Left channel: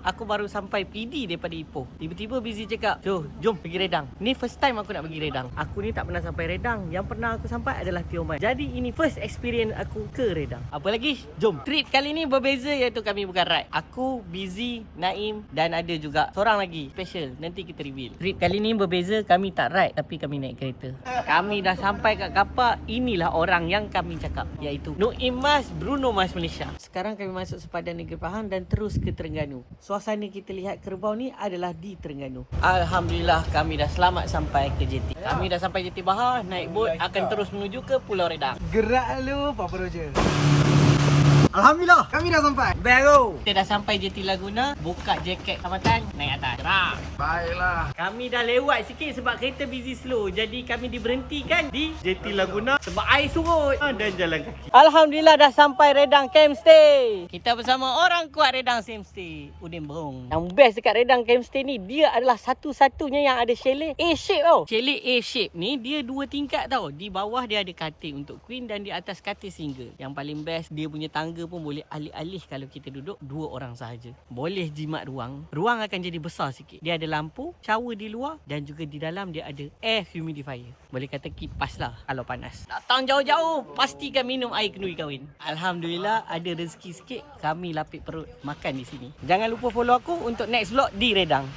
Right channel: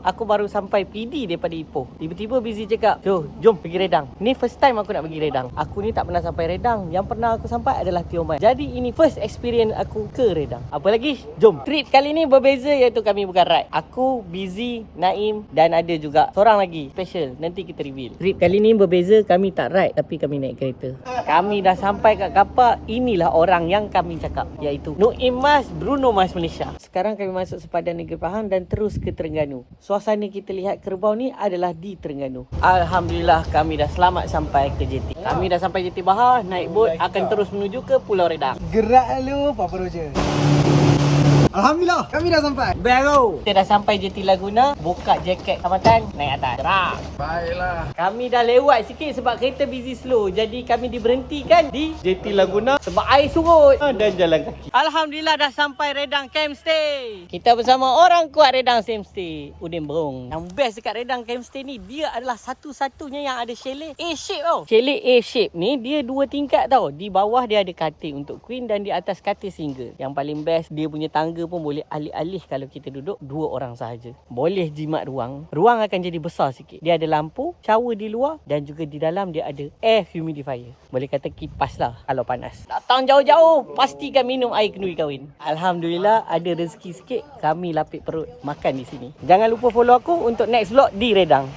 Aku baru sampai PD daripada Ipoh. Tiba-tiba busy cakap, jom pergi Redang. Ni first time aku nak pergi Redang. Aku ni tak pernah sampai Redang. Yang pernah aku sampai adalah Tioman. Jadi ini first experience aku ke Redang. Apa lagi? Jom. Trip kali ni berbeza, iaitu kami bukan ride. Aku, Busy, Naim dan ada juga seorang lagi special. Nanti kita reveal. Trip kali ni berbeza, kami tak ride tapi kami naik kereta. Kami dah sampai kat kapak. Inilah orang yang kami cakap, iaitu Noim Mas, Bruno Mas Malaysia. Sekarang kami masuk sepadan Negeri Pahang dan terus ke Terengganu. Suasana kita lihat kerbau ni adalah di Terengganu. Alhamdulillah kami dah selamat sampai ke JT. Kami dah sampai JT Bahar, naik bot akan terus menuju ke Pulau Redang. Gerak lu Papa Roger. Alhamdulillah kami dah sampai. Baru kita dah sampai JT Laguna, buka jaket Kamatan, naik atas. Gerak. Baiklah. Kami dah lewat sikit sebab kereta busy slow. Jadi kami diberhentikan di JT Laguna sebab air surut dan jalan kaki. Alhamdulillah dah sampai Redang Camp Stay. Kita bersama orang kuat Redang Camp Stay, Udin Berong. Yang best dekat Redang Camp Stay ni, dia adalah satu-satunya yang ada chalet A-shape tau. Chalet A-shape ni dia 2 tingkat tau. Di bawah dia ada katil untuk queen dan di atas katil single. Yang paling best, dia punya tangga pun boleh alih-alih kalau kita duduk 2 orang sahaja. Boleh jimat ruang. Ruang akan jadi besar sikit. Dia ada lampu, shower di luar dan juga di dalam dia ada air humidifier. Boleh kata kipas lah kalau panas. Datang jauh-jauh, pastikan minum air kenduri kahwin. Alhamdulillah ada rezeki sikit, kami lapik perut makan di sini. Jangan lupa follow aku untuk next vlog di Redang.